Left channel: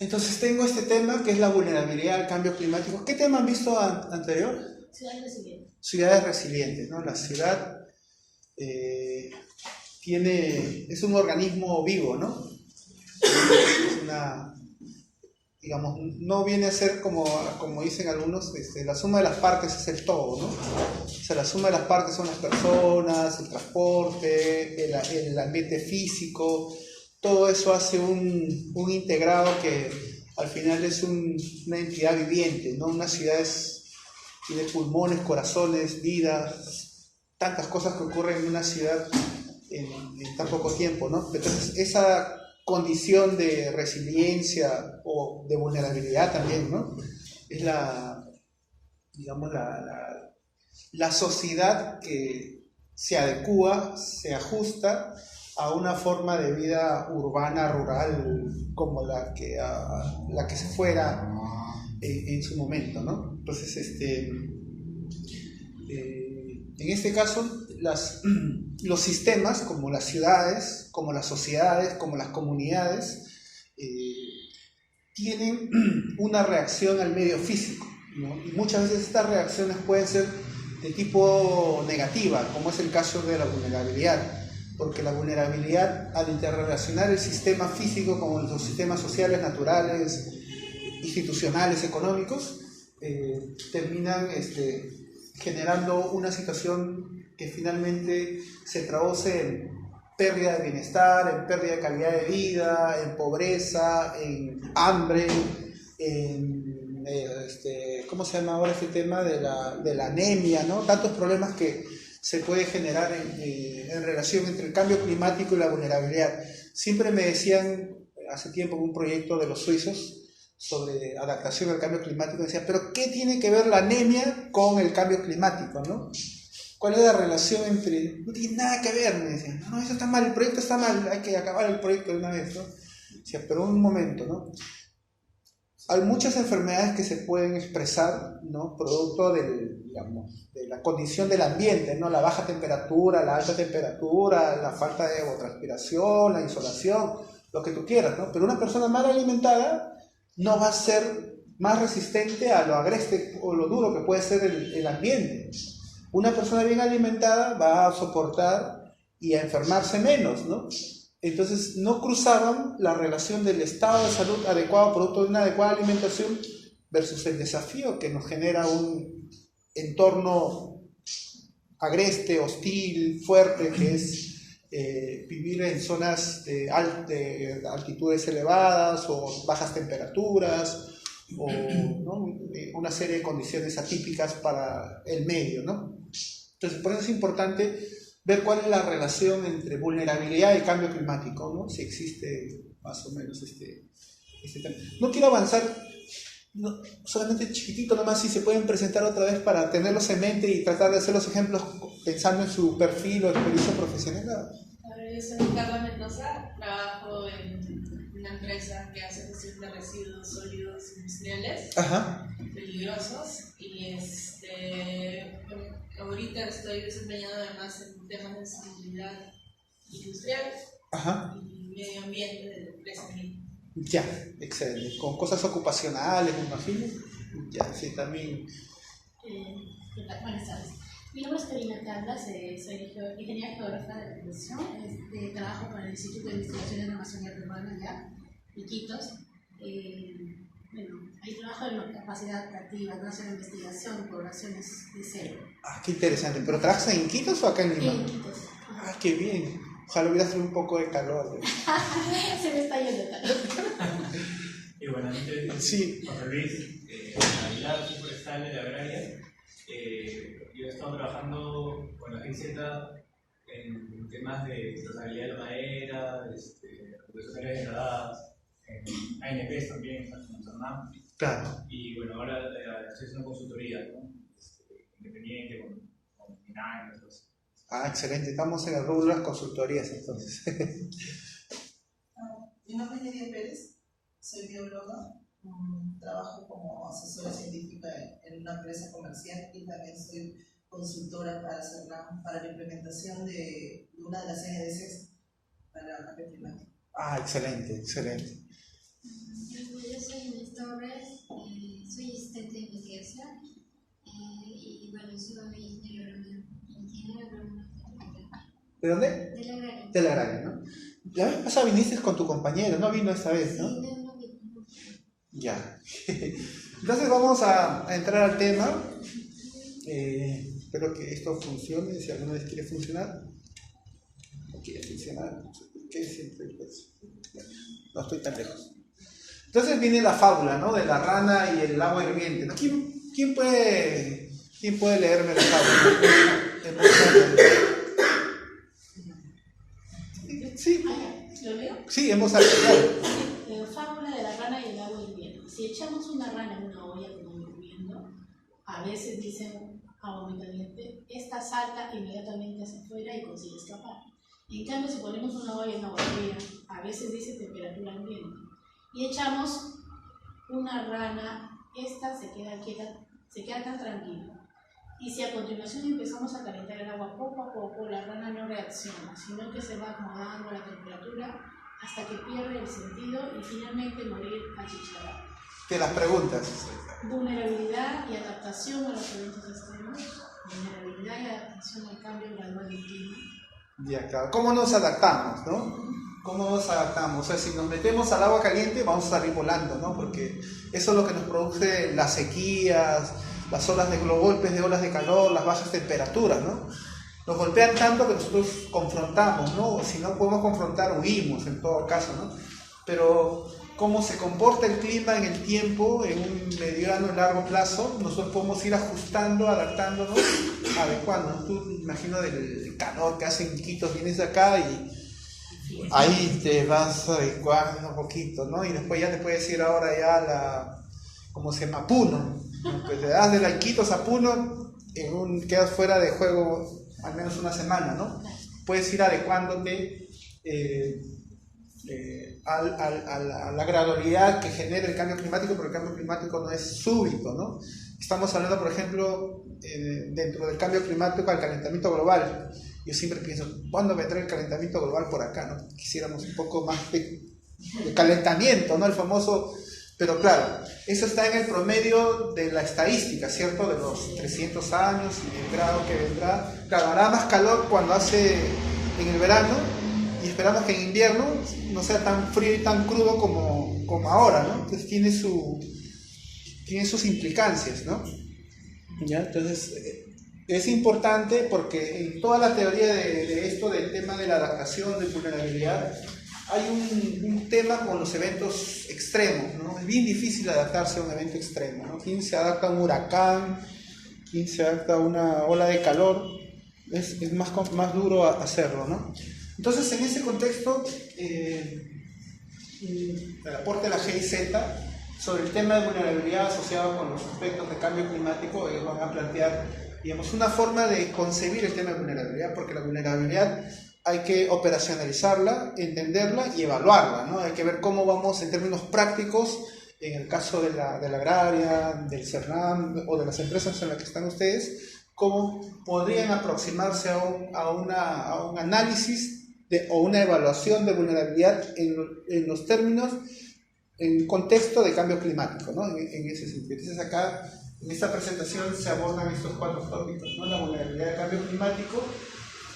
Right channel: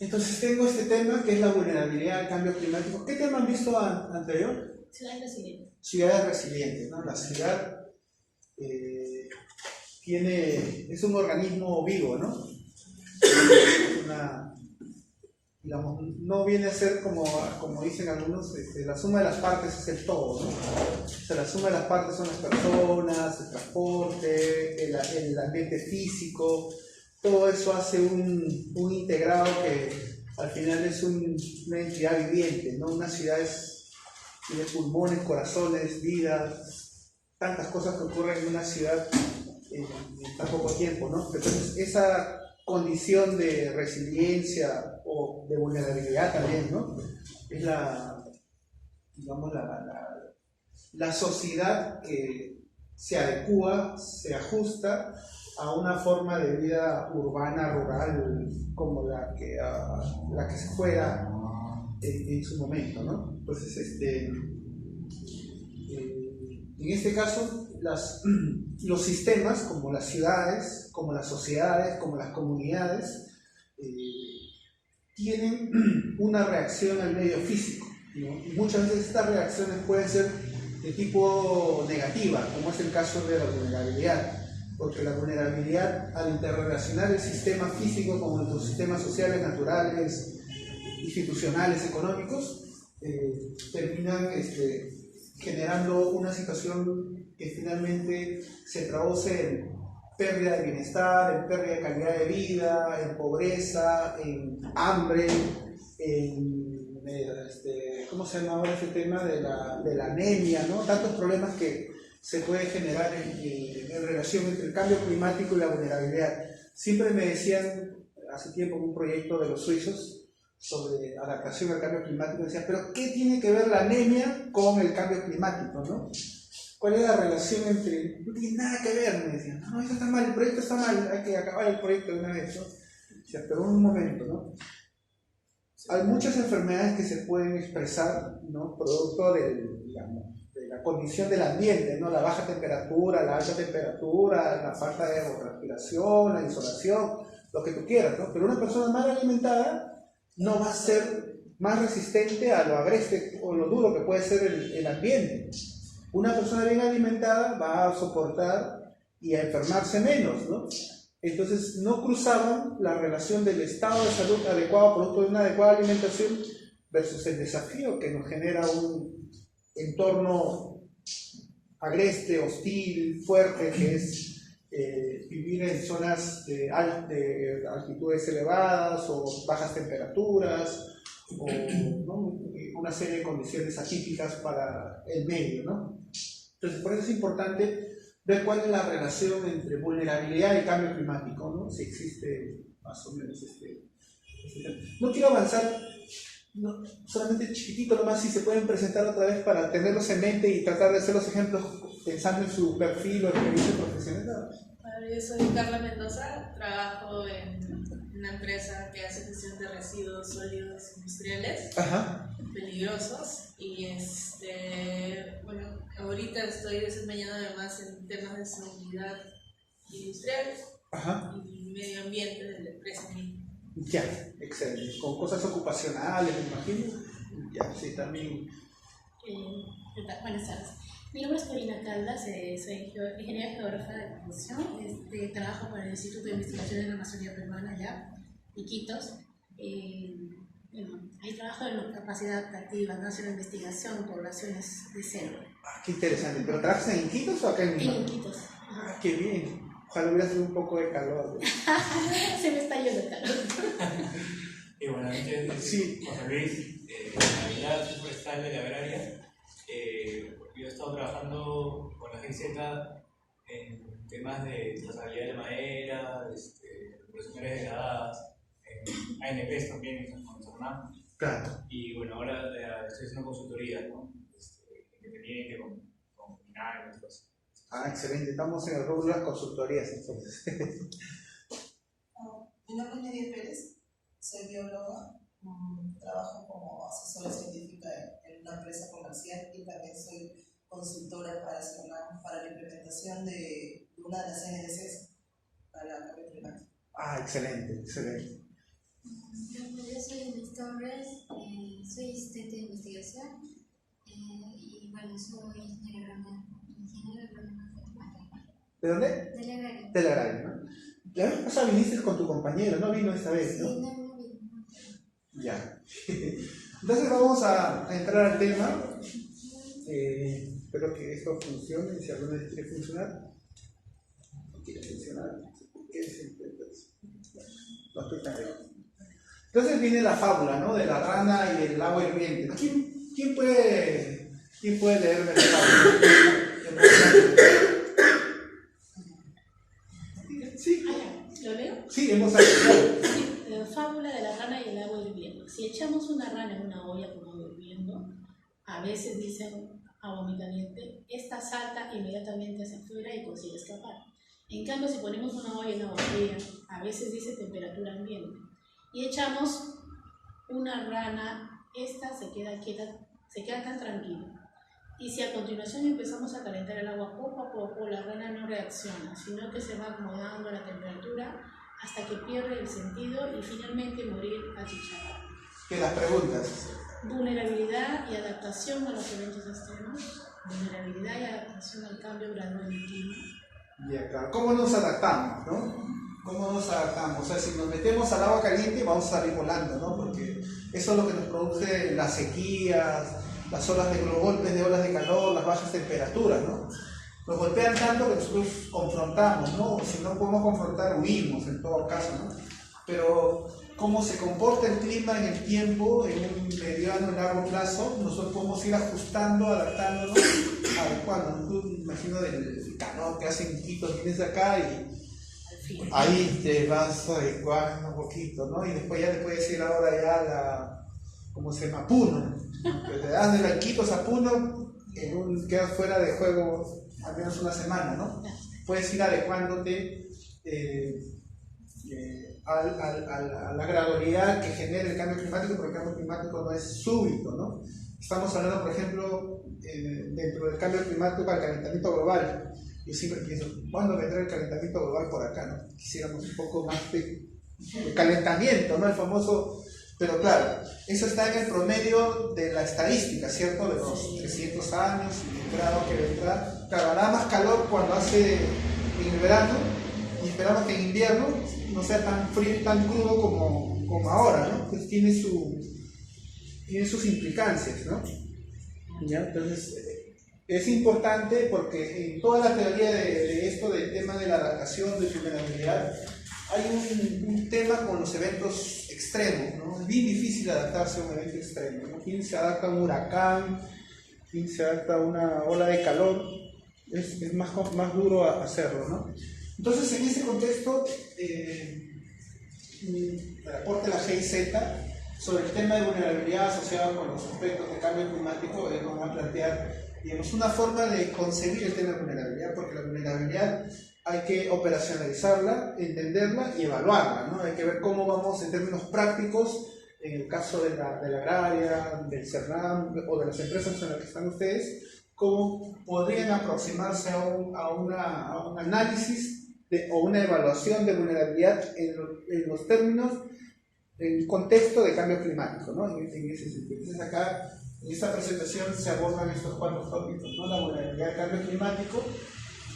Entonces tengo este tema que es la vulnerabilidad al cambio climático. ¿Qué tema han visto anterior? Ciudades resilientes. Ciudades resilientes, ¿no? La ciudad es un organismo vivo, ¿no? Es una, digamos, no viene a ser como dicen algunos, la suma de las partes es el todo, ¿no? O sea, la suma de las partes son las personas, el transporte, el ambiente físico, todo eso hace un integrado que al final es una entidad viviente, ¿no? Una ciudad tiene pulmones, corazones, vidas, tantas cosas que ocurren en una ciudad en tan poco tiempo, ¿no? Entonces, esa condición de resiliencia o de vulnerabilidad también, ¿no? Es digamos, la sociedad que se adecua, se ajusta a una forma de vida urbana, rural, como la que se fuera en su momento, ¿no? Entonces, en este caso, los sistemas, como las ciudades, como las sociedades, como las comunidades, tienen una reacción al medio físico, ¿no? Y muchas veces estas reacciones pueden ser de tipo negativa, como es el caso de la vulnerabilidad, porque la vulnerabilidad, al interrelacionar el sistema físico con los sistemas sociales, naturales, institucionales, económicos, terminan generando una situación que finalmente se traduce en pérdida de bienestar, en pérdida de calidad de vida, en pobreza, en hambre, en ¿cómo se llama ahora este tema de la anemia, ¿no? Tantos problemas que se puede generar en relación entre el cambio climático y la vulnerabilidad. Siempre me decían, hace tiempo, un proyecto de los suizos sobre adaptación al cambio climático, decía, pero ¿qué tiene que ver la anemia con el cambio climático, no? ¿Cuál es la relación entre...? No tiene nada que ver, me decían. No, eso está mal, el proyecto está mal, hay que acabar el proyecto de una vez, ¿no? Decía, pero un momento, ¿no? Hay muchas enfermedades que se pueden expresar, ¿no? Producto de la condición del ambiente, ¿no? La baja temperatura, la alta temperatura, la falta de evapotranspiración, la insolación, lo que tú quieras, ¿no? Pero una persona mal alimentada no va a ser más resistente a lo agreste o lo duro que puede ser el ambiente. Una persona bien alimentada va a soportar y a enfermarse menos, ¿no? Entonces no cruzaban la relación del estado de salud adecuado producto de una adecuada alimentación versus el desafío que nos genera un entorno agreste, hostil, fuerte, que es vivir en zonas de altitudes elevadas o bajas temperaturas o, ¿no? Una serie de condiciones atípicas para el medio, ¿no? Entonces, por eso es importante ver cuál es la relación entre vulnerabilidad y cambio climático, ¿no? Si existe más o menos este tema. No quiero avanzar, no, solamente chiquitito nomás, si se pueden presentar otra vez para tenerlos en mente y tratar de hacer los ejemplos pensando en su perfil o experiencia profesional. Yo soy Carla Mendoza, trabajo en una empresa que hace gestión de residuos sólidos industriales. Ajá. Peligrosos y bueno, ahorita estoy desempeñando además en temas de seguridad industrial. Ajá. Y medio ambiente de la empresa misma. Ya, excelente. Con cosas ocupacionales, me imagino. Ya, sí, también. ¿Qué tal? Buenas tardes. Mi nombre es Karina Caldas, soy ingeniera geógrafa de profesión. Trabajo para el Instituto de Investigación de la Amazonía Peruana, allá, Iquitos. Bueno, ahí trabajo en la capacidad adaptativa, no hacer investigación, poblaciones de cero. Ah, qué interesante. ¿Pero trabajas en Iquitos o acá en Lima? En Iquitos. Ah, qué bien. Ojalá hubiera sido un poco de calor, ¿no? Se me está yendo el calor. Y bueno, sí. José Luis, Aguilar, soy forestal de la agraria. Yo he estado trabajando con la GIZ en temas de trazabilidad de la madera, recuperación de áreas degradadas, en ANPs también con Hernán. Claro. Y bueno, ahora estoy haciendo consultoría, ¿no? Independiente con INAI y otros. Ah, excelente. Estamos en el rubro de las consultorías, entonces. Mi nombre es Nadia Pérez, soy bióloga, trabajo como asesora científica en una empresa comercial y también soy consultora para la implementación de una de las NDCs para el cambio climático. Ah, excelente, excelente. Yo ¿De dónde? De la agraria. De la agraria, ¿no? La vez pasada viniste con tu compañero, no vino esta vez, ¿no? Sí, no vi. Ya. Entonces vamos a entrar al tema. Espero que esto funcione. Si alguno de ustedes quiere funcionar, no quiere funcionar, ¿qué siempre? Pues, no estoy tan lejos. Entonces viene la fábula, ¿no? De la rana y el agua hirviente, ¿no? ¿Quién puede leerme la fábula? Sí. ¿Lo leo? Sí, hemos hablado. La fábula de la rana y el agua hirviendo. Si echamos una rana en una olla con agua hirviendo, a veces dicen agua muy caliente, esta salta inmediatamente hacia afuera y consigue escapar. En cambio, si ponemos una olla en agua fría, a veces dice temperatura ambiente, y echamos una rana, esta se queda quieta, se queda tan tranquila. Y si a continuación empezamos a calentar el agua poco a poco, la rana no reacciona, sino que se va acomodando a la temperatura hasta que pierde el sentido y finalmente morir achicharrada. De las preguntas. Vulnerabilidad y adaptación a los eventos extremos. Vulnerabilidad y adaptación al cambio gradual del clima. Ya, claro. ¿Cómo nos adaptamos, no? ¿Cómo nos adaptamos? O sea, si nos metemos al agua caliente vamos a salir volando, ¿no? Porque eso es lo que nos produce las sequías, las golpes de olas de calor, las bajas temperaturas, ¿no? Nos golpean tanto que nosotros confrontamos, ¿no? O si no podemos confrontar, huimos en todo caso, ¿no? Pero cómo se comporta el clima en el tiempo, en un mediano y largo plazo, nosotros podemos ir ajustando, adaptándonos, adecuándonos. Tú me imagino del calor que hace en Quito, vienes acá y ahí te vas adecuando un poquito, ¿no? Y después ya te puedes ir ahora ya ¿cómo se llama? Puno. Pues te das de la Iquitos a Puno, quedas fuera de juego al menos una semana, ¿no? Puedes ir adecuándote a la gradualidad que genera el cambio climático, porque el cambio climático no es súbito, ¿no? Estamos hablando, por ejemplo, dentro del cambio climático, al calentamiento global. Yo siempre pienso, ¿cuándo vendrá el calentamiento global por acá, no? Quisiéramos un poco más de calentamiento, ¿no? El famoso... Pero claro, eso está en el promedio de la estadística, ¿cierto? De los 300 años y el grado que vendrá. Claro, hará más calor cuando hace en el verano y esperamos que en invierno no sea tan frío y tan crudo como ahora, ¿no? Entonces tiene sus implicancias, ¿no? ¿Ya? Entonces es importante porque en toda la teoría de esto, del tema de la adaptación, de vulnerabilidad, hay un tema con los eventos extremos, ¿no? Es bien difícil adaptarse a un evento extremo, ¿no? ¿Quién se adapta a un huracán? ¿Quién se adapta a una ola de calor? Es más duro hacerlo, ¿no? Entonces, en ese contexto, el aporte de la GIZ sobre el tema de vulnerabilidad asociado con los aspectos de cambio climático van a plantear, digamos, una forma de concebir el tema de vulnerabilidad, porque la vulnerabilidad hay que operacionalizarla, entenderla y evaluarla, ¿no? Hay que ver cómo vamos en términos prácticos, en el caso de la agraria, del CERNAM o de las empresas en las que están ustedes, cómo podrían aproximarse a un análisis o una evaluación de vulnerabilidad en los términos, en contexto de cambio climático, ¿no? En ese sentido. Entonces acá, en esta presentación se abordan estos 4 tópicos, ¿no? La vulnerabilidad del cambio climático,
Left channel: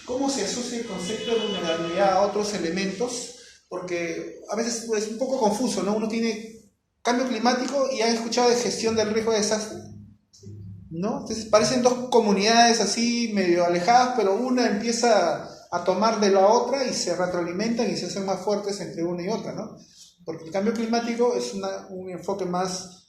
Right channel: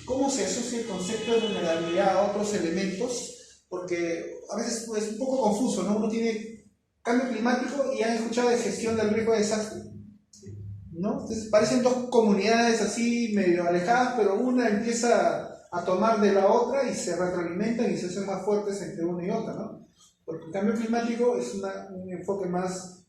cómo se asocia el concepto de vulnerabilidad a otros elementos, porque a veces es un poco confuso, ¿no? Uno tiene cambio climático y ha escuchado de gestión del riesgo de desastre, ¿no? Entonces parecen dos comunidades así medio alejadas, pero una empieza a tomar de la otra y se retroalimentan y se hacen más fuertes entre una y otra, ¿no? Porque el cambio climático es un enfoque más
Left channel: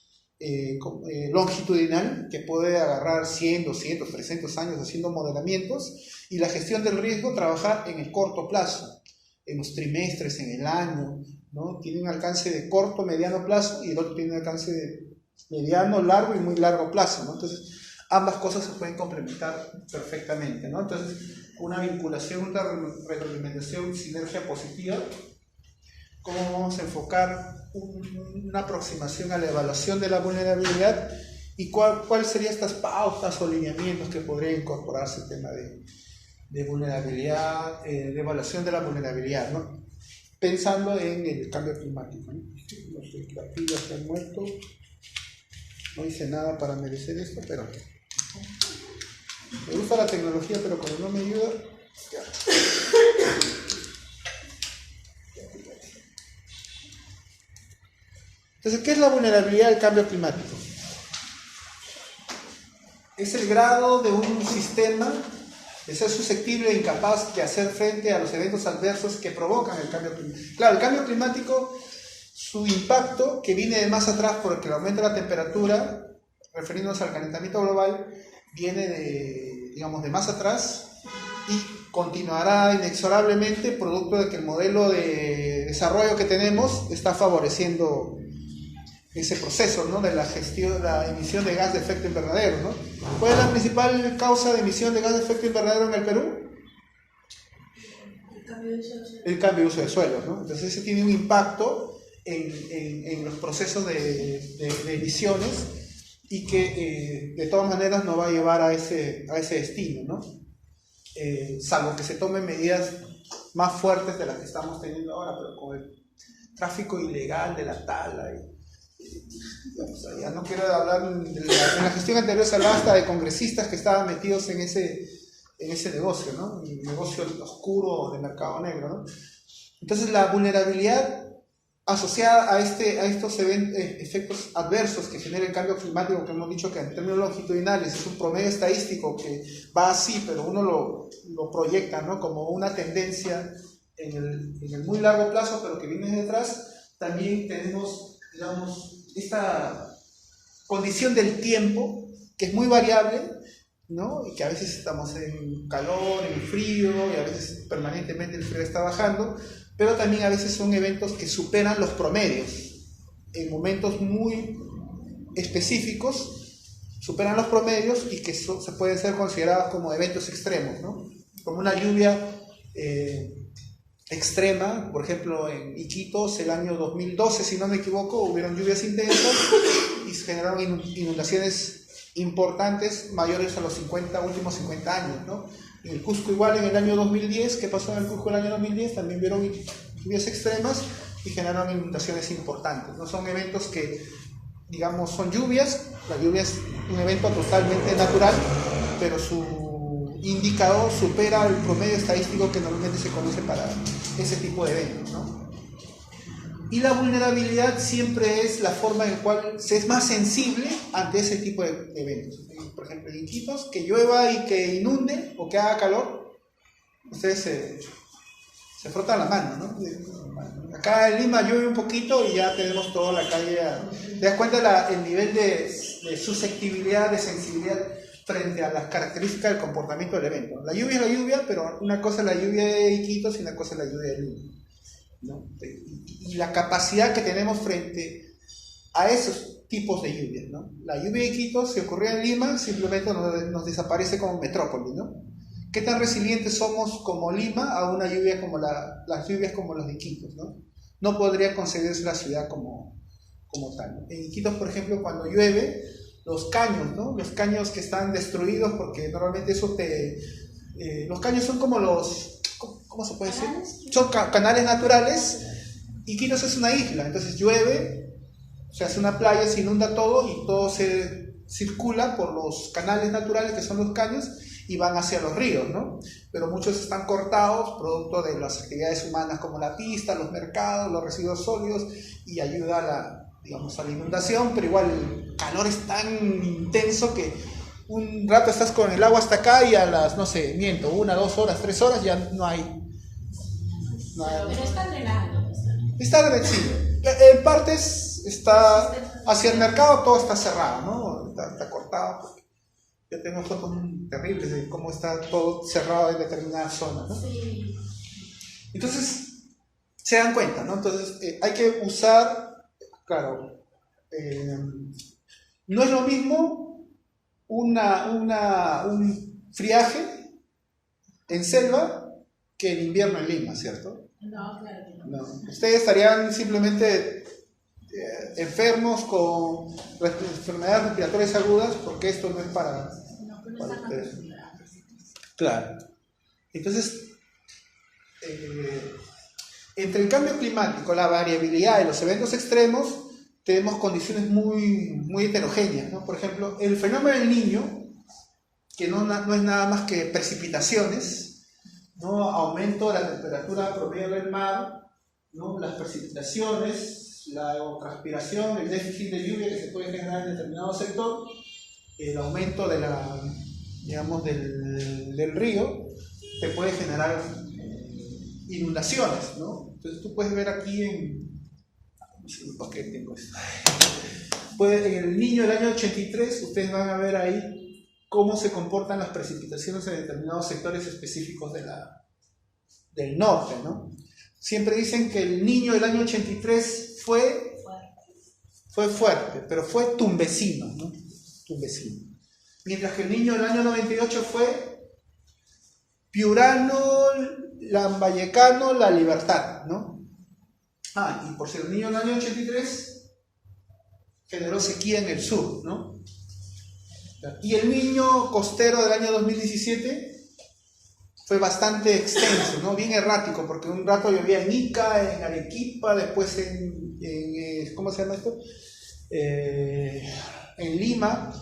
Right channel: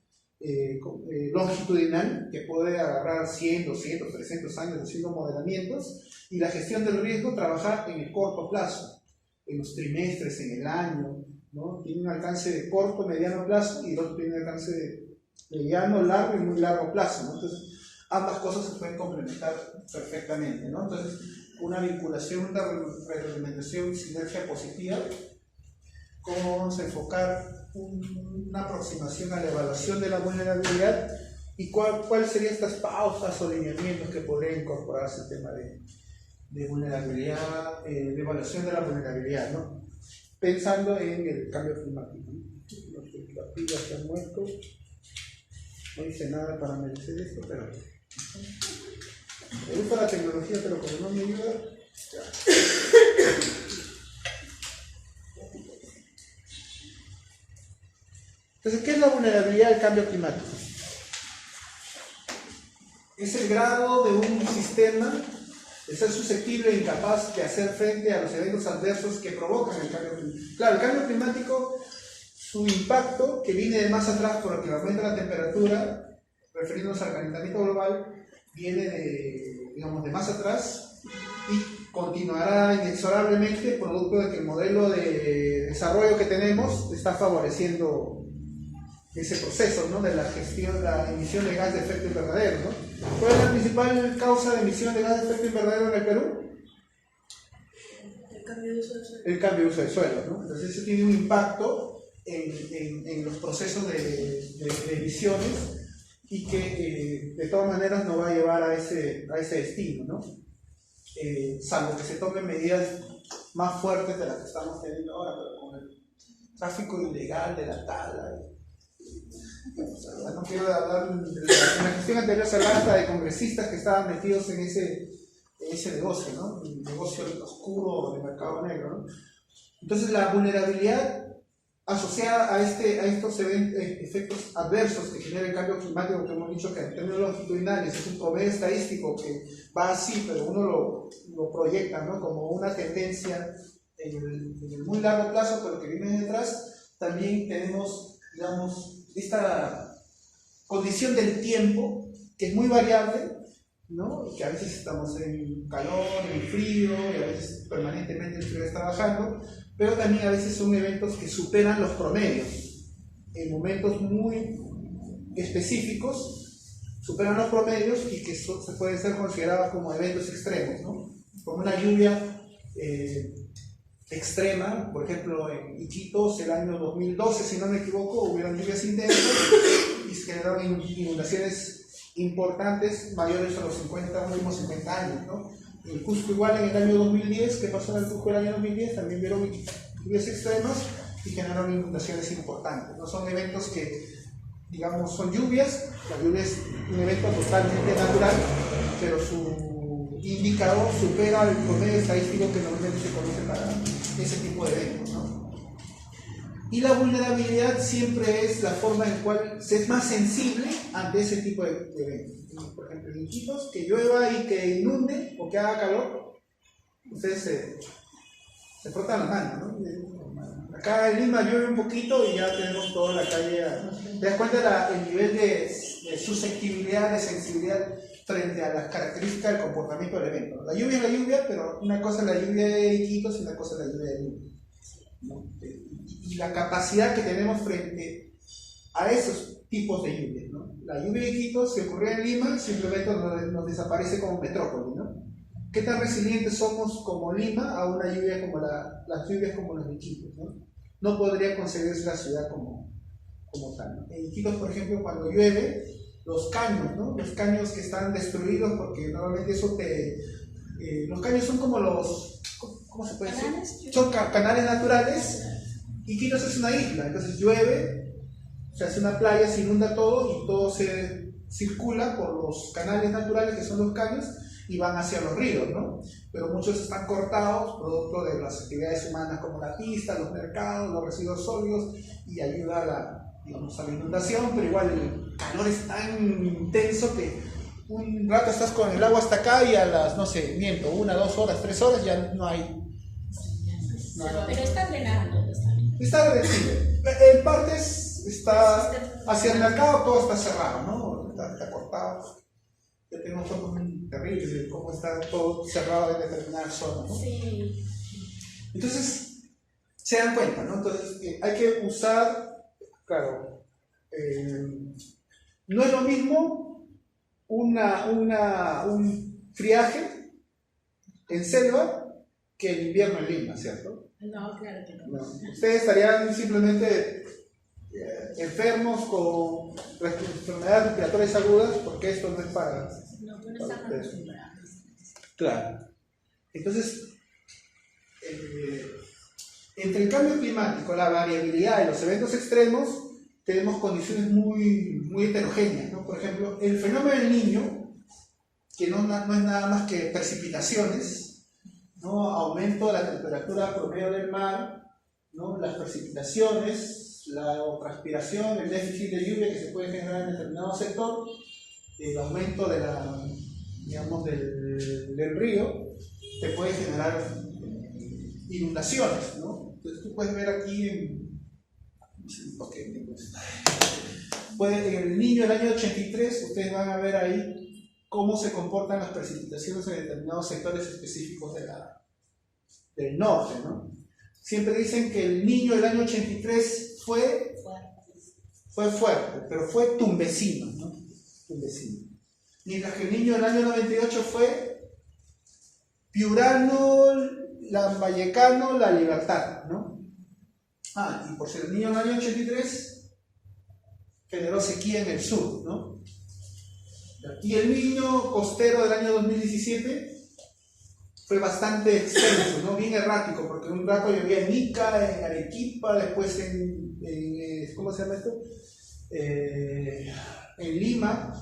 longitudinal, que puede agarrar 100, 200, 300 años haciendo modelamientos, y la gestión del riesgo trabajar en el corto plazo, en los trimestres, en el año, ¿no? Tiene un alcance de corto, mediano plazo, y el otro tiene un alcance de mediano, largo y muy largo plazo, ¿no? Entonces ambas cosas se pueden complementar perfectamente, ¿no? Entonces una vinculación, una retroalimentación, sinergia positiva. ¿Cómo vamos a enfocar una aproximación a la evaluación de la vulnerabilidad y cuál serían estas pautas o lineamientos que podría incorporarse el tema de vulnerabilidad, de evaluación de la vulnerabilidad, ¿no? Pensando en el cambio climático, ¿no? No sé, la pila está muerto, no hice nada para merecer esto, pero me gusta la tecnología, pero como no me ayuda, ya. Entonces, ¿qué es la vulnerabilidad al cambio climático? Es el grado de un sistema de ser susceptible e incapaz de hacer frente a los eventos adversos que provocan el cambio climático. Claro, el cambio climático, su impacto, que viene de más atrás porque el aumento de la temperatura, refiriéndonos al calentamiento global, viene de, digamos, de más atrás y continuará inexorablemente producto de que el modelo de desarrollo que tenemos está favoreciendo ese proceso, ¿no?, de la gestión, la emisión de gas de efecto invernadero, ¿no? ¿Cuál es la principal causa de emisión de gas de efecto invernadero en el Perú? El cambio de uso del suelo. El cambio de uso de suelo, ¿no? Entonces ese tiene un impacto en los procesos de emisiones y que de todas maneras nos va a llevar a ese destino, ¿no? Salvo que se tomen medidas más fuertes de las que estamos teniendo ahora, pero con el tráfico ilegal de la tala ya no quiero hablar en la gestión anterior se hablaba hasta de congresistas que estaban metidos en ese negocio, ¿no? El negocio oscuro del mercado negro, ¿no? Entonces la vulnerabilidad asociada a estos efectos adversos que genera el cambio climático, que hemos dicho que en términos longitudinales es un promedio estadístico que va así, pero uno lo proyecta, ¿no?, como una tendencia en el muy largo plazo, pero que viene detrás. También tenemos, digamos, esta condición del tiempo, que es muy variable, ¿no?, y que a veces estamos en calor, en frío, y a veces permanentemente el frío está bajando, pero también a veces son eventos que superan los promedios, en momentos muy específicos, superan los promedios y que se pueden ser considerados como eventos extremos, ¿no?, como una lluvia extrema. Por ejemplo, en Iquitos el año 2012, si no me equivoco, hubieron lluvias intensas y se generaron inundaciones importantes mayores a los últimos 50 años, ¿no? En el Cusco igual en el año 2010, ¿qué pasó en el Cusco el año 2010? También vieron lluvias extremas y generaron inundaciones importantes. No son eventos que, digamos, son lluvias. La lluvia es un evento totalmente natural, pero su indicador supera el promedio estadístico que normalmente se conoce para ese tipo de eventos, ¿no? Y la vulnerabilidad siempre es la forma en la cual se es más sensible ante ese tipo de eventos. Por ejemplo, en Iquitos, que llueva y que inunde o que haga calor, ustedes se frotan la mano, ¿no? Acá en Lima llueve un poquito y ya tenemos toda la calle. ¿Te das cuenta el nivel de susceptibilidad, de sensibilidad frente a las características del comportamiento del evento? La lluvia es la lluvia, pero una cosa es la lluvia de Iquitos y una cosa es la lluvia de Lima, ¿no? Y la capacidad que tenemos frente a esos tipos de lluvias, ¿no? La lluvia de Iquitos, si ocurrió en Lima, simplemente nos desaparece como metrópoli, ¿no? ¿Qué tan resilientes somos como Lima a una lluvia como las lluvias como las de Iquitos, ¿no? No podría concebirse la ciudad como tal, ¿no? En Iquitos, por ejemplo, cuando llueve, los caños, ¿no? Los caños que están destruidos, porque normalmente eso los caños son como ¿cómo se puede decir? Son canales naturales. Iquitos es una isla, entonces llueve, se hace una playa, se inunda todo y todo se circula por los canales naturales que son los caños y van hacia los ríos, ¿no? Pero muchos están cortados producto de las actividades humanas como la pista, los mercados, los residuos sólidos, y ayuda a la inundación, pero igual el calor es tan intenso que un rato estás con el agua hasta acá y a las, no sé, 1, 2 horas, 3 horas ya no hay. Pero está drenando. Está reducido. En partes está hacia el mercado, todo está cerrado, ¿no? Está cortado. Yo tengo fotos terribles de cómo está todo cerrado en determinadas zonas, ¿no? Sí. Entonces, se dan cuenta, ¿no? Entonces, hay que usar, claro, no es lo mismo un friaje en selva que en invierno en Lima, ¿cierto? No, claro que no. No. Ustedes estarían simplemente enfermos con enfermedades respiratorias agudas, porque esto no es para... No, pero no están acostumbrados. Claro. Entonces, entre el cambio climático, la variabilidad y los eventos extremos, tenemos condiciones muy, muy heterogéneas, ¿no? Por ejemplo, el fenómeno del Niño, que no es nada más que precipitaciones, ¿no? Aumento de la temperatura promedio del mar, ¿no? Las precipitaciones, la evapotranspiración, el déficit de lluvia que se puede generar en determinado sector, el aumento de del río, te puede generar inundaciones, ¿no? Entonces tú puedes ver aquí en el Niño del año 83, ustedes van a ver ahí cómo se comportan las precipitaciones en determinados sectores específicos del norte, ¿no? Siempre dicen que el Niño del año 83 fue fuerte, pero fue tumbesino, ¿no? Tumbesino. Mientras que el Niño del año 98 fue piurano, lambayecano, La Libertad, ¿no? Y por ser el Niño del año 83 generó sequía en el sur, ¿no? Y el Niño costero del año 2017 fue bastante extenso, ¿no? Bien errático, porque un rato llovía en Ica, en Arequipa, después en ¿cómo se llama esto? En Lima,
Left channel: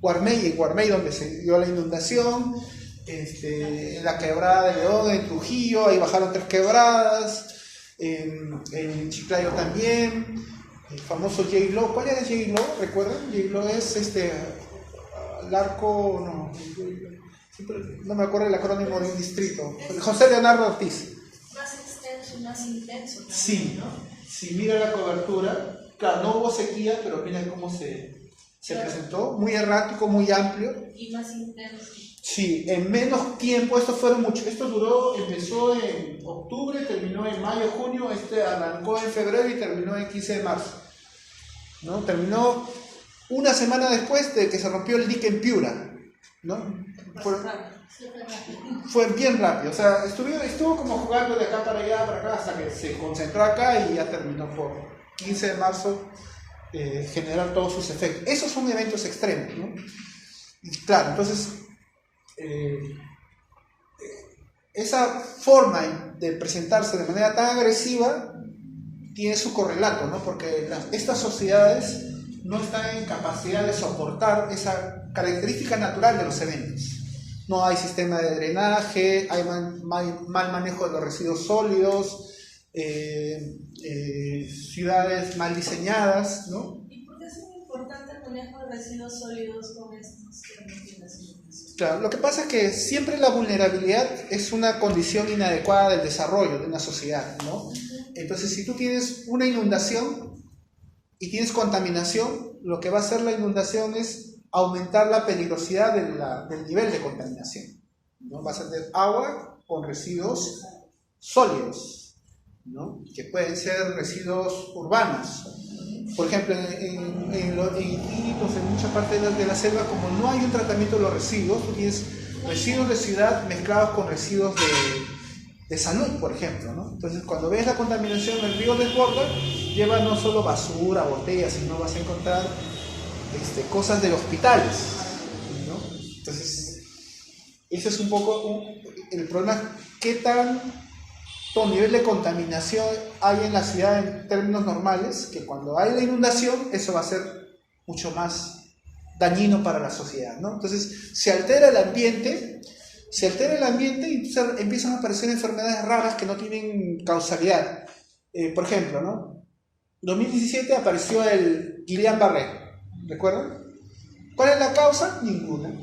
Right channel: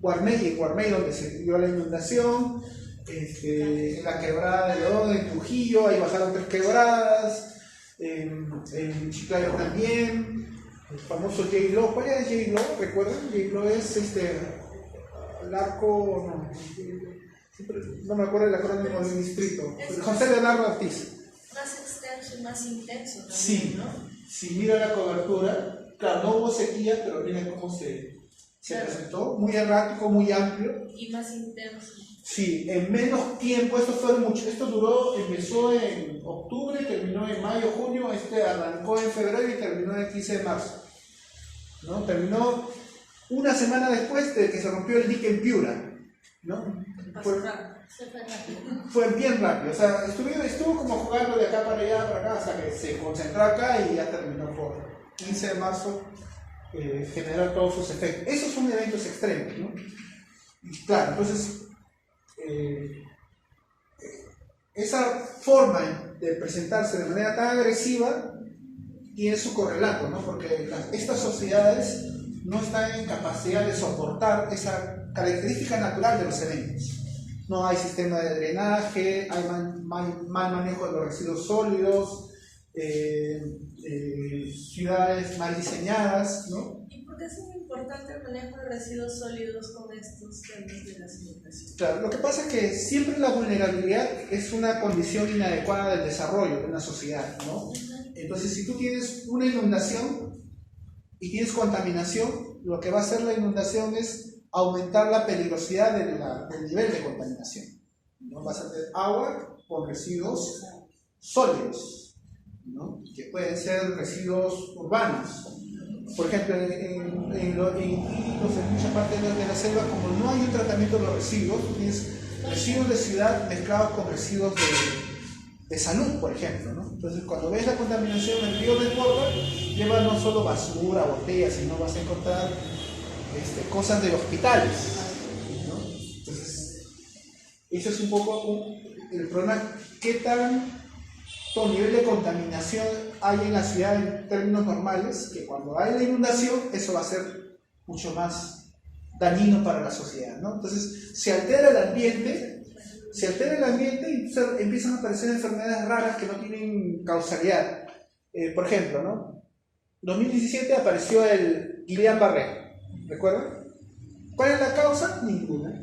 Guarmey, donde se dio la inundación, en la quebrada de León, en Trujillo, ahí bajaron 3 quebradas, en Chiclayo también, el famoso J-Lo. ¿Cuál es J-Lo? ¿Recuerdan? J-Lo es el arco, no me acuerdo el acrónimo de un distrito, José Leonardo Ortiz. Más extenso y más intenso también, sí, ¿no? Si mira la cobertura, claro, no hubo sequía, pero mira cómo se presentó, muy errático, muy amplio. Y más intenso. Sí, en menos tiempo, esto empezó en octubre, terminó en mayo, junio, arrancó en febrero y terminó el 15 de marzo, ¿no? Terminó una semana después de que se rompió el dique en Piura, ¿no? Fue bien rápido, o sea, estuvo como jugando de acá para allá, hasta que se concentró acá y ya terminó por 15 de marzo generar todos sus efectos. Esos son eventos extremos, ¿no? Y claro, entonces esa forma de presentarse de manera tan agresiva tiene su correlato, ¿no? Porque estas sociedades no están en capacidad de soportar esa característica natural de los eventos. No hay sistema de drenaje, hay mal manejo de los residuos sólidos, ciudades mal diseñadas, ¿no? ¿Y por qué es muy importante el manejo de residuos sólidos con estos temas de las inundaciones? Claro, lo que pasa es que siempre la vulnerabilidad es una condición inadecuada del desarrollo de una sociedad, ¿no? Entonces, si tú tienes una inundación y tienes contaminación, lo que va a hacer la inundación es aumentar la peligrosidad del nivel de contaminación, ¿no? Vas a tener agua con residuos sólidos, ¿no? Que pueden ser residuos urbanos. Por ejemplo, en muchas partes de la selva, como no hay un tratamiento de los residuos, tienes residuos de ciudad mezclados con residuos de salud, por ejemplo, ¿no? Entonces, cuando ves la contaminación en el río desborda, lleva no solo basura, botellas, sino vas a encontrar cosas de hospitales, ¿no? Entonces, eso es un poco el problema, qué tanto nivel de contaminación hay en la ciudad en términos normales, que cuando hay la inundación, eso va a ser mucho más dañino para la sociedad, ¿no? Entonces, se altera el ambiente y entonces empiezan a aparecer enfermedades raras que no tienen causalidad. Por ejemplo, ¿no? En 2017 apareció el Guillain-Barré. ¿Recuerdan? ¿Cuál es la causa? Ninguna.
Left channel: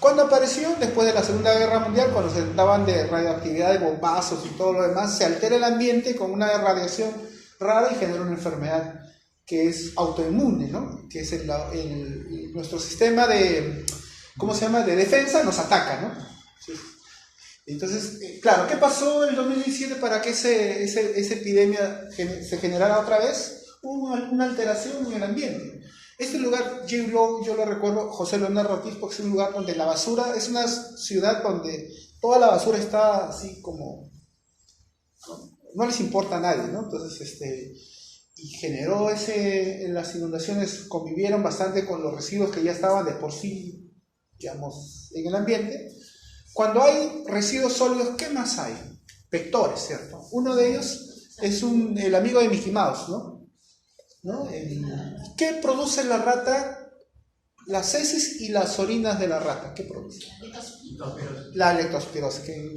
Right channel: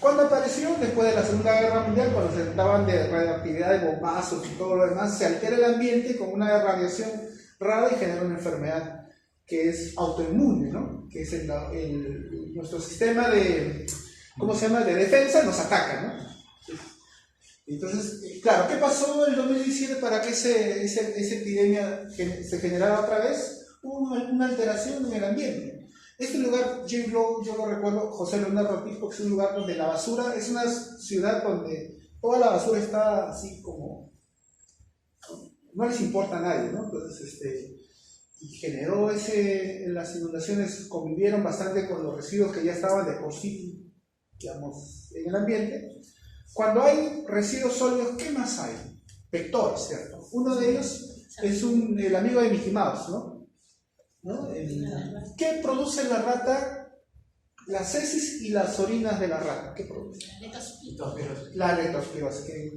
¿Cuándo apareció? Después de la Segunda Guerra Mundial, cuando se trataban de radioactividad, de bombazos y todo lo demás, se altera el ambiente con una radiación rara y genera una enfermedad que es autoinmune, ¿no? Que es nuestro sistema de defensa nos ataca, ¿no? Entonces, claro, ¿qué pasó en el 2017 para que esa epidemia se generara otra vez? Hubo una alteración en el ambiente. Este lugar, yo lo recuerdo, José Leonardo Ortiz, porque es un lugar donde la basura, es una ciudad donde toda la basura está así como, no les importa a nadie, ¿no? Entonces, y generó las inundaciones convivieron bastante con los residuos que ya estaban de por sí, digamos, en el ambiente. Cuando hay residuos sólidos, ¿qué más hay? Vectores, ¿cierto? Uno de ellos es el amigo de Mickey Mouse, ¿no? ¿Qué produce la rata las heces y las orinas de la rata, ¿qué produce? La leptospirosis, que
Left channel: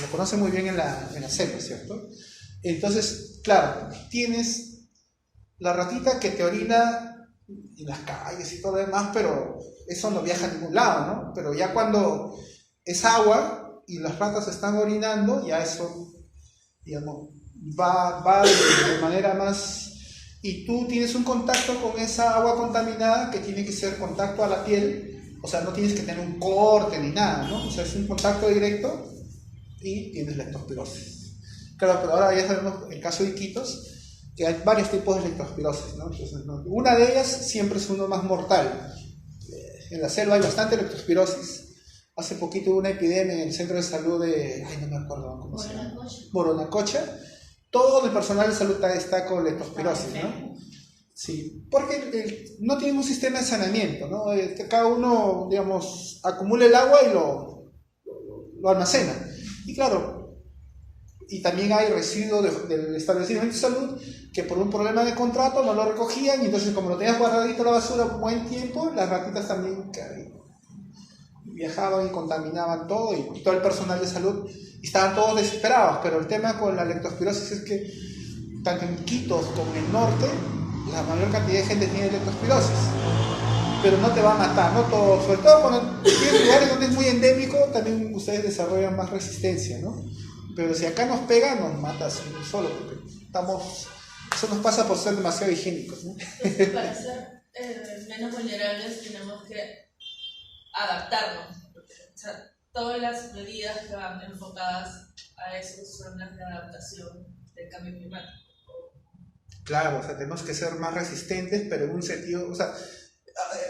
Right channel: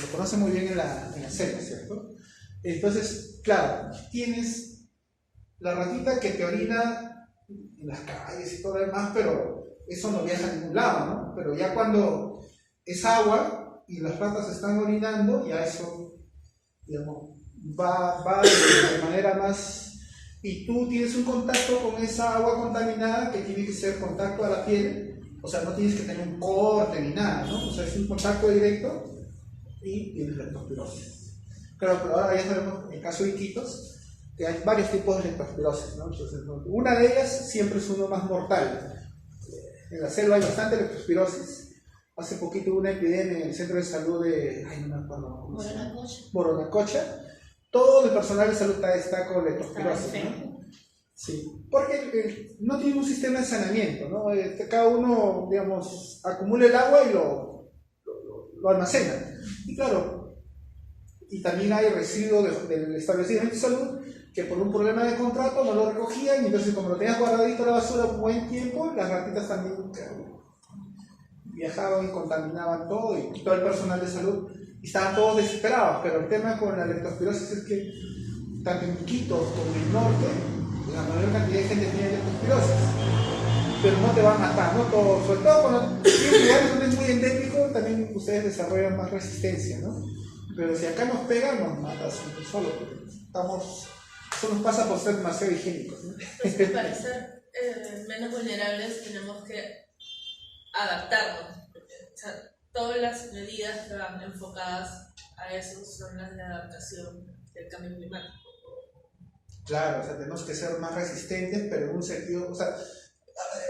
lo conoce muy bien en la selva, ¿cierto? Entonces, claro, tienes la ratita que te orina en las calles y todo lo demás, pero eso no viaja a ningún lado, ¿no? Pero ya cuando es agua y las ratas están orinando, ya eso, digamos, va de manera más... Y tú tienes un contacto con esa agua contaminada que tiene que ser contacto a la piel, o sea, no tienes que tener un corte ni nada, ¿no? O sea, es un contacto directo y tienes leptospirosis. Claro, pero ahora ya sabemos el caso de Iquitos, que hay varios tipos de leptospirosis, ¿no? Entonces, una de ellas siempre es uno más mortal. En la selva hay bastante leptospirosis. Hace poquito hubo una epidemia en el centro de salud de... Ay, no me acuerdo cómo se llama. Moronacocha. Todo el personal de salud está con leptospirosis, ¿no? Sí, porque no tiene un sistema de saneamiento, ¿no? Cada uno, digamos, acumula el agua y lo almacena. Y claro, y también hay residuos del establecimiento de salud que por un problema de contrato no lo recogían y entonces como lo tenías guardadito en la basura un buen tiempo, las ratitas también viajaban y contaminaban todo y todo el personal de salud y estaban todos desesperados. Pero el tema con la leptospirosis es que tanto en Iquitos como en el norte la mayor cantidad de gente tiene leptospirosis, pero no te va a matar, no todo, sobre todo cuando tienes lugares donde es muy endémico también ustedes desarrollan más resistencia, ¿no? Pero si acá nos pega nos mata solo porque eso nos pasa por ser demasiado higiénicos, ¿no? Pues para ser menos vulnerables tenemos que adaptarnos, porque, o sea, todas las medidas que van enfocadas a eso son las de adaptación del cambio climático. Claro, o sea, tenemos que ser más resistentes, pero en un sentido, o sea,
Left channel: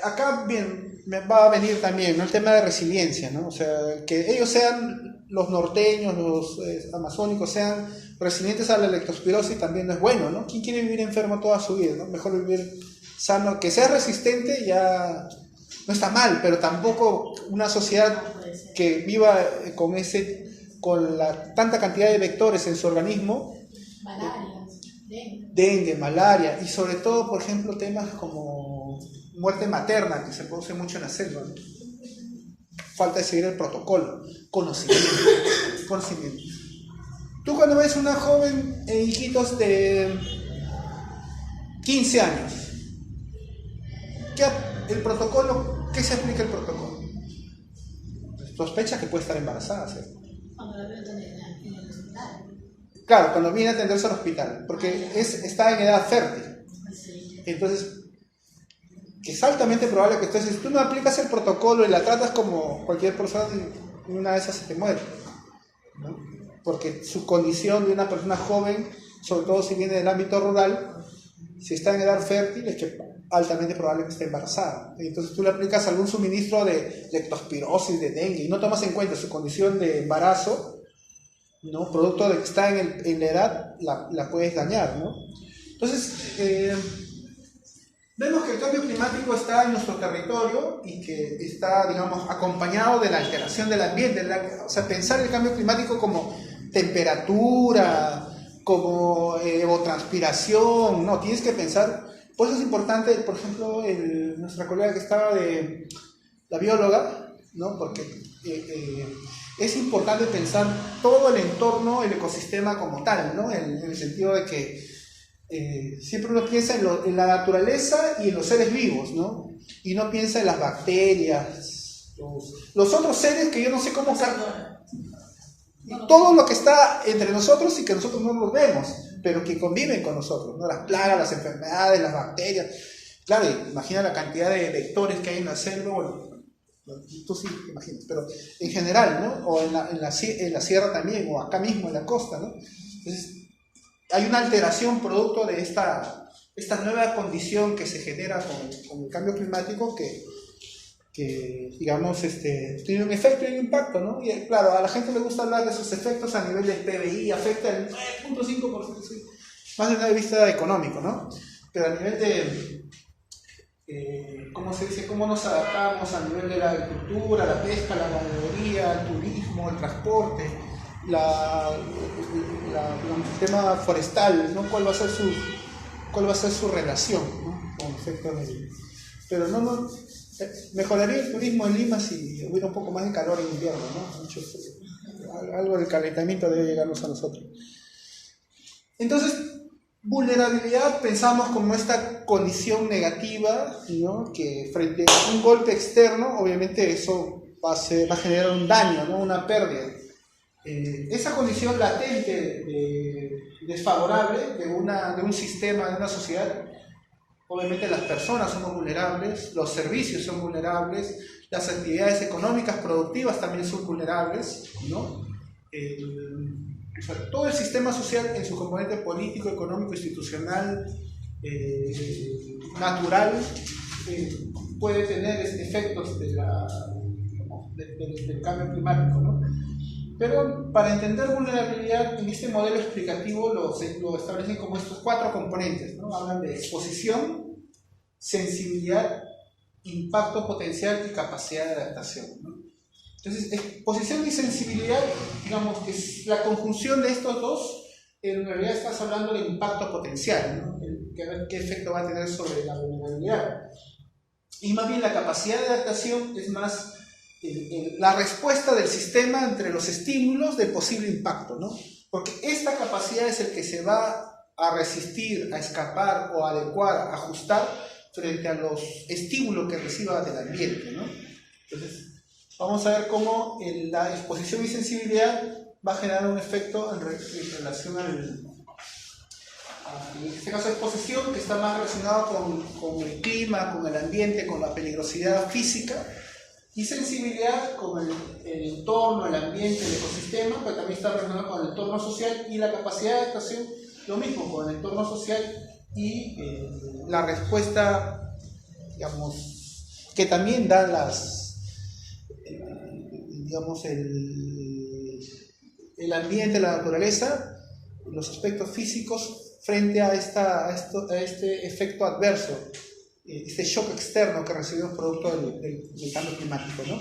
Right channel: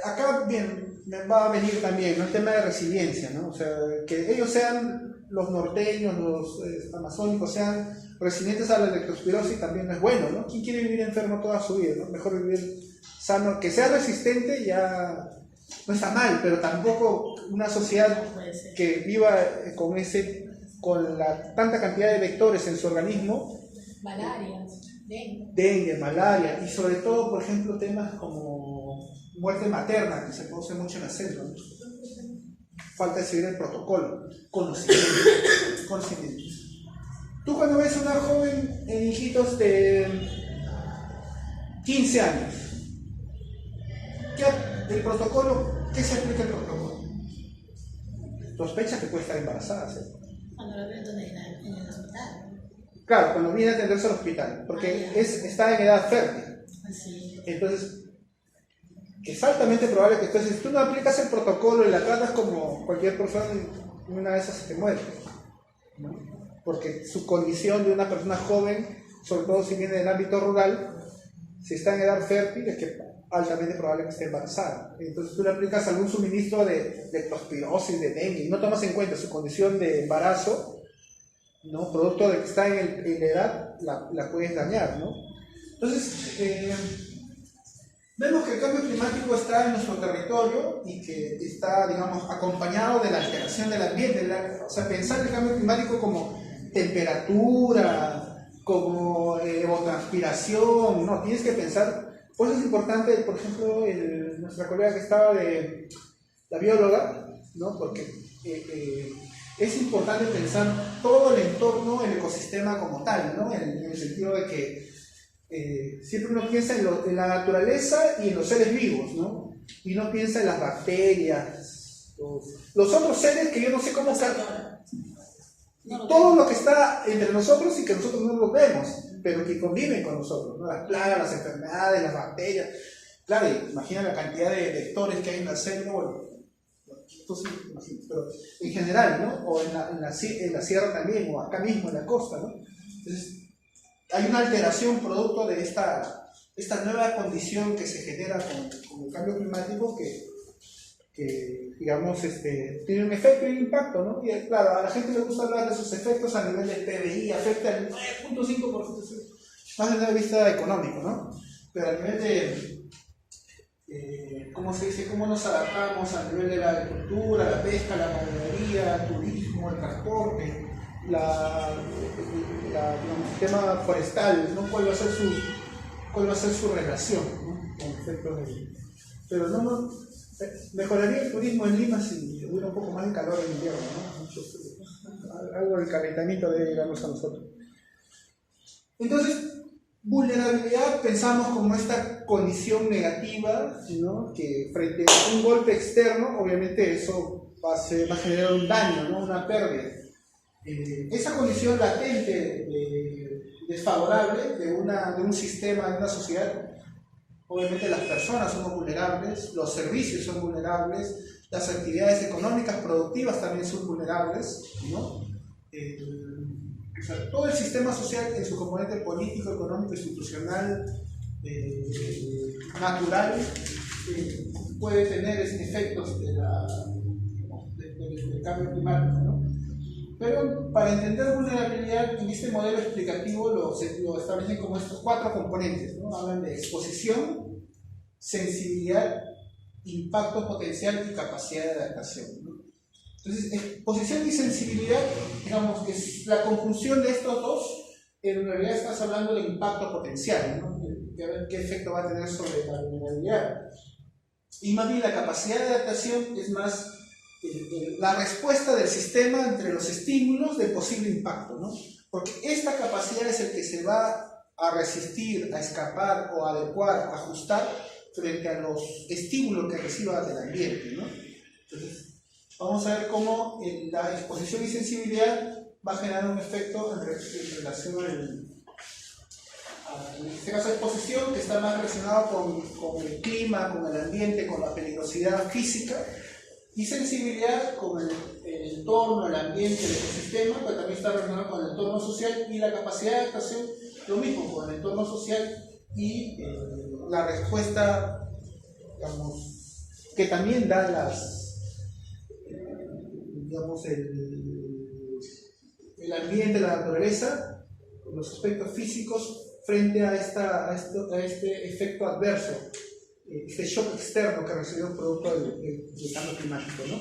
acá bien, me va a venir también, ¿no?, el tema de resiliencia, ¿no? O sea, que ellos sean, los norteños, los amazónicos, sean resilientes a la leptospirosis también no es bueno, ¿no? ¿Quién quiere vivir enfermo toda su vida, ¿no? Mejor vivir sano, que sea resistente ya no está mal, pero tampoco una sociedad que viva con tanta cantidad de vectores en su organismo. Malaria, dengue, malaria, y sobre todo, por ejemplo, temas como muerte materna, que se produce mucho en la selva, ¿no? Falta de seguir el protocolo, conocimiento. Tú cuando ves una joven en Iquitos de 15 años, el protocolo, ¿qué se aplica el protocolo? Sospecha que puede estar embarazada, ¿cierto? Cuando la veo en el hospital. Claro, cuando viene a atenderse al hospital, porque está en edad fértil. Sí. Entonces, es altamente probable que si tú no aplicas el protocolo y la tratas como cualquier persona, una de esas se te muere, ¿no? Porque su condición de una persona joven, sobre todo si viene del ámbito rural, si está en edad fértil, es que altamente probable que esté embarazada. Entonces tú le aplicas algún suministro de leptospirosis, de dengue, y no tomas en cuenta su condición de embarazo, ¿no? Producto de que está en la edad, la puedes dañar, ¿no? Entonces, vemos que el cambio climático está en nuestro territorio y que está, digamos, acompañado de la alteración del ambiente. O sea, pensar el cambio climático como temperatura, como evotranspiración, no, tienes que pensar. Por eso es importante, por ejemplo, nuestra colega que estaba de la bióloga, ¿no? Porque es importante pensar todo el entorno, el ecosistema como tal, ¿no? En el sentido de que siempre uno piensa en la naturaleza y en los seres vivos, ¿no? Y no piensa en las bacterias, los otros seres que yo no sé cómo... todo lo que está entre nosotros y que nosotros no los vemos, pero que conviven con nosotros, ¿no? Las plagas, las enfermedades, las bacterias. Claro, imagina la cantidad de vectores que hay en la selva, bueno, tú sí imaginas, pero en general, ¿no? O en la sierra también, o acá mismo en la costa, ¿no? Entonces, hay una alteración producto de esta nueva condición que se genera con el cambio climático que digamos, tiene un efecto y un impacto, ¿no? Y claro, a la gente le gusta hablar de esos efectos a nivel del PBI, afecta el 9.5%, más desde el vista económico, ¿no? Pero a nivel de, ¿cómo se dice? ¿Cómo nos adaptamos a nivel de la agricultura, la pesca, la ganadería, el turismo, el transporte, el tema forestal, ¿no? ¿Cuál va a ser su relación, ¿no? Con efectos de... Pero no Mejoraría el turismo en Lima si hubiera un poco más de calor en invierno, ¿no? Mucho frío. Algo del calentamiento debe llegarnos a nosotros. Entonces, vulnerabilidad pensamos como esta condición negativa, ¿no? Que frente a un golpe externo, obviamente eso va a generar un daño, ¿no? Una pérdida. Esa condición latente, desfavorable de un sistema, de una sociedad, obviamente las personas somos vulnerables, los servicios son vulnerables, las actividades económicas productivas también son vulnerables, ¿no? O sea, todo el sistema social en su componente político, económico, institucional, natural, puede tener efectos del cambio climático, ¿no? Pero para entender vulnerabilidad, en este modelo explicativo lo establecen como estos 4 componentes, ¿no? Hablan de exposición, sensibilidad, impacto potencial y capacidad de adaptación, ¿no? Entonces, exposición y sensibilidad, digamos que es la conjunción de estos dos, en realidad estás hablando del impacto potencial, ¿no? ¿Qué efecto va a tener sobre la vulnerabilidad? Y más bien la capacidad de adaptación es más la respuesta del sistema entre los estímulos de posible impacto, ¿no? Porque esta capacidad es el que se va a resistir, a escapar o a adecuar, a ajustar frente a los estímulos que reciba del ambiente, ¿no? Entonces, vamos a ver cómo la exposición y sensibilidad va a generar un efecto en relación en este caso exposición, que está más relacionado con el clima, con el ambiente, con la peligrosidad física, y sensibilidad con el entorno, el ambiente, el ecosistema, pero también está relacionado con el entorno social, y la capacidad de adaptación, lo mismo, con el entorno social y la respuesta, digamos, que también dan el ambiente, la naturaleza, los aspectos físicos frente a este efecto adverso, este shock externo que recibimos producto del cambio climático, ¿no?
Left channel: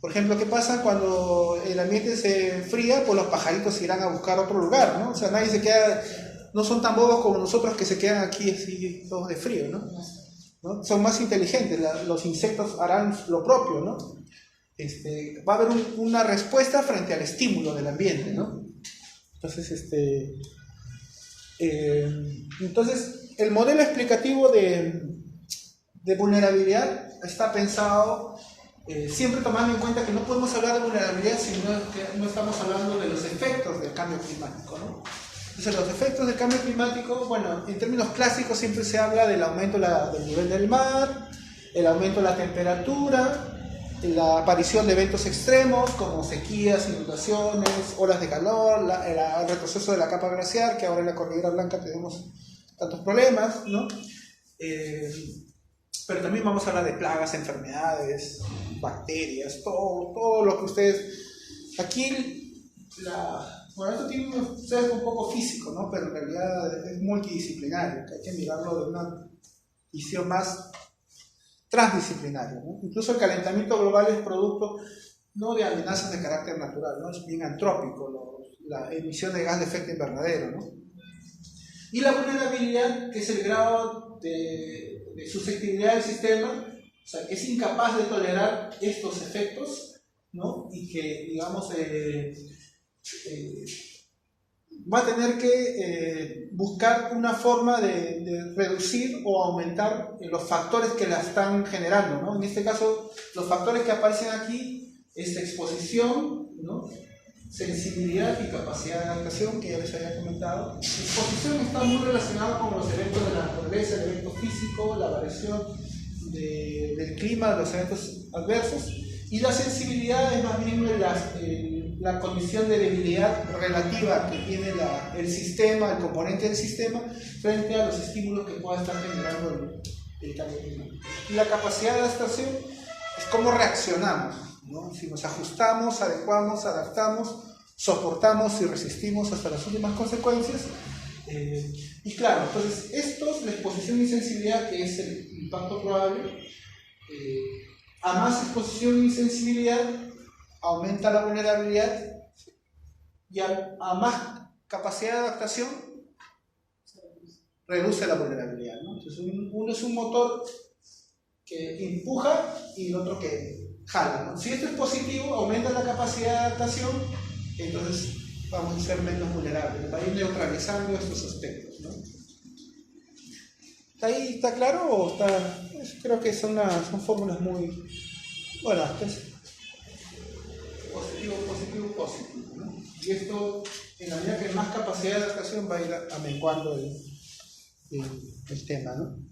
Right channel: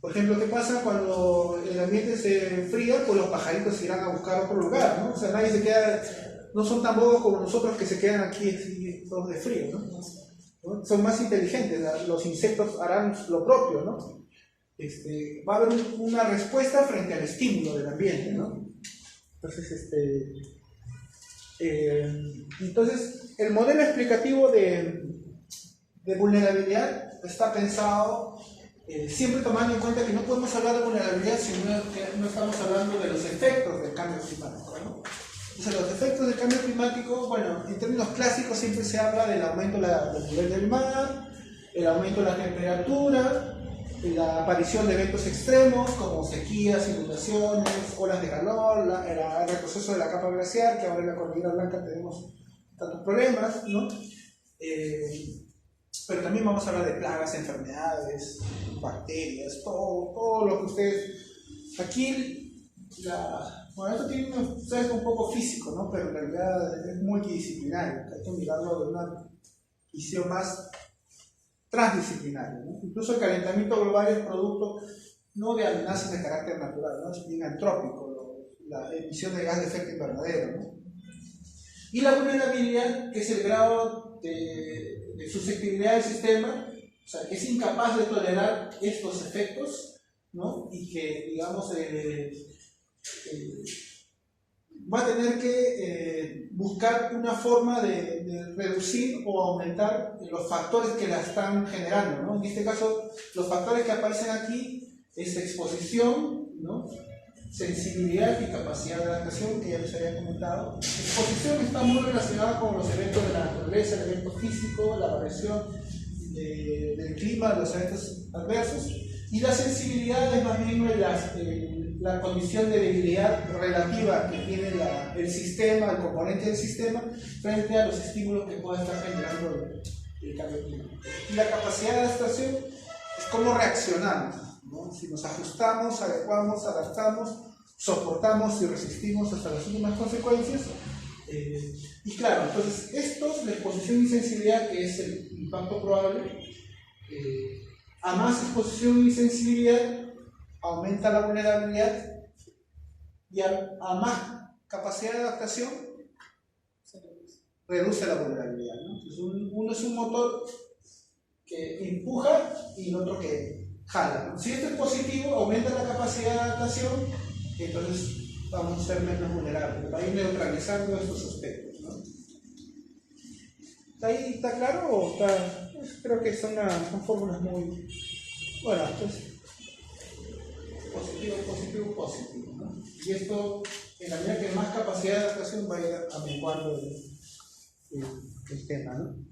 Por ejemplo, ¿qué pasa cuando el ambiente se enfría? Pues los pajaritos se irán a buscar otro lugar, ¿no? O sea, nadie se queda, no son tan bobos como nosotros que se quedan aquí así todos de frío, ¿no? Son más inteligentes, los insectos harán lo propio, ¿no? Va a haber una respuesta frente al estímulo del ambiente, ¿no? Entonces, el modelo explicativo de vulnerabilidad está pensado siempre tomando en cuenta que no podemos hablar de vulnerabilidad si no estamos hablando de los efectos del cambio climático, ¿no? Entonces, los efectos del cambio climático, bueno, en términos clásicos siempre se habla del aumento del nivel del mar, el aumento de la temperatura, la aparición de eventos extremos como sequías, inundaciones, olas de calor, el retroceso de la capa glaciar, que ahora en la Cordillera Blanca tenemos tantos problemas, ¿no? Pero también vamos a hablar de plagas, enfermedades, bacterias, todo lo que ustedes... Aquí, bueno, esto tiene un sesgo un poco físico, ¿no? Pero en realidad es multidisciplinario, que hay que mirarlo de una visión más transdisciplinaria, ¿no? Incluso el calentamiento global es producto no de amenazas de carácter natural, ¿no? Es bien antrópico, la emisión de gas de efecto invernadero, ¿no? Y la vulnerabilidad, que es el grado de susceptibilidad del sistema, o sea, que es incapaz de tolerar estos efectos, ¿no? Y que, digamos, va a tener que buscar una forma de reducir o aumentar los factores que la están generando, ¿no? En este caso, los factores que aparecen aquí es exposición, ¿no? Sensibilidad y capacidad de adaptación, que ya les había comentado. La exposición está muy relacionada con los eventos de la naturaleza, el evento físico, la variación del clima, los eventos adversos, y la sensibilidad es más bien la condición de debilidad relativa que tiene el sistema, el componente del sistema, frente a los estímulos que pueda estar generando el cambio climático. Y la capacidad de adaptación es cómo reaccionamos, ¿no? Si nos ajustamos, adecuamos, adaptamos, soportamos y resistimos hasta las últimas consecuencias. Y claro, entonces la exposición y sensibilidad, que es el impacto probable, a más exposición y sensibilidad aumenta la vulnerabilidad, y a más capacidad de adaptación reduce la vulnerabilidad, ¿no? Entonces uno es un motor que empuja y el otro que jala, ¿no? Si esto es positivo, aumenta la capacidad de adaptación, entonces vamos a ser menos vulnerables, va a ir neutralizando estos aspectos, ¿no? ¿Ahí está claro o está? Creo que son fórmulas muy... Bueno, pues, positivo, ¿no? Y esto, en la medida que hay más capacidad de adaptación, va a ir amenguando el tema, ¿no?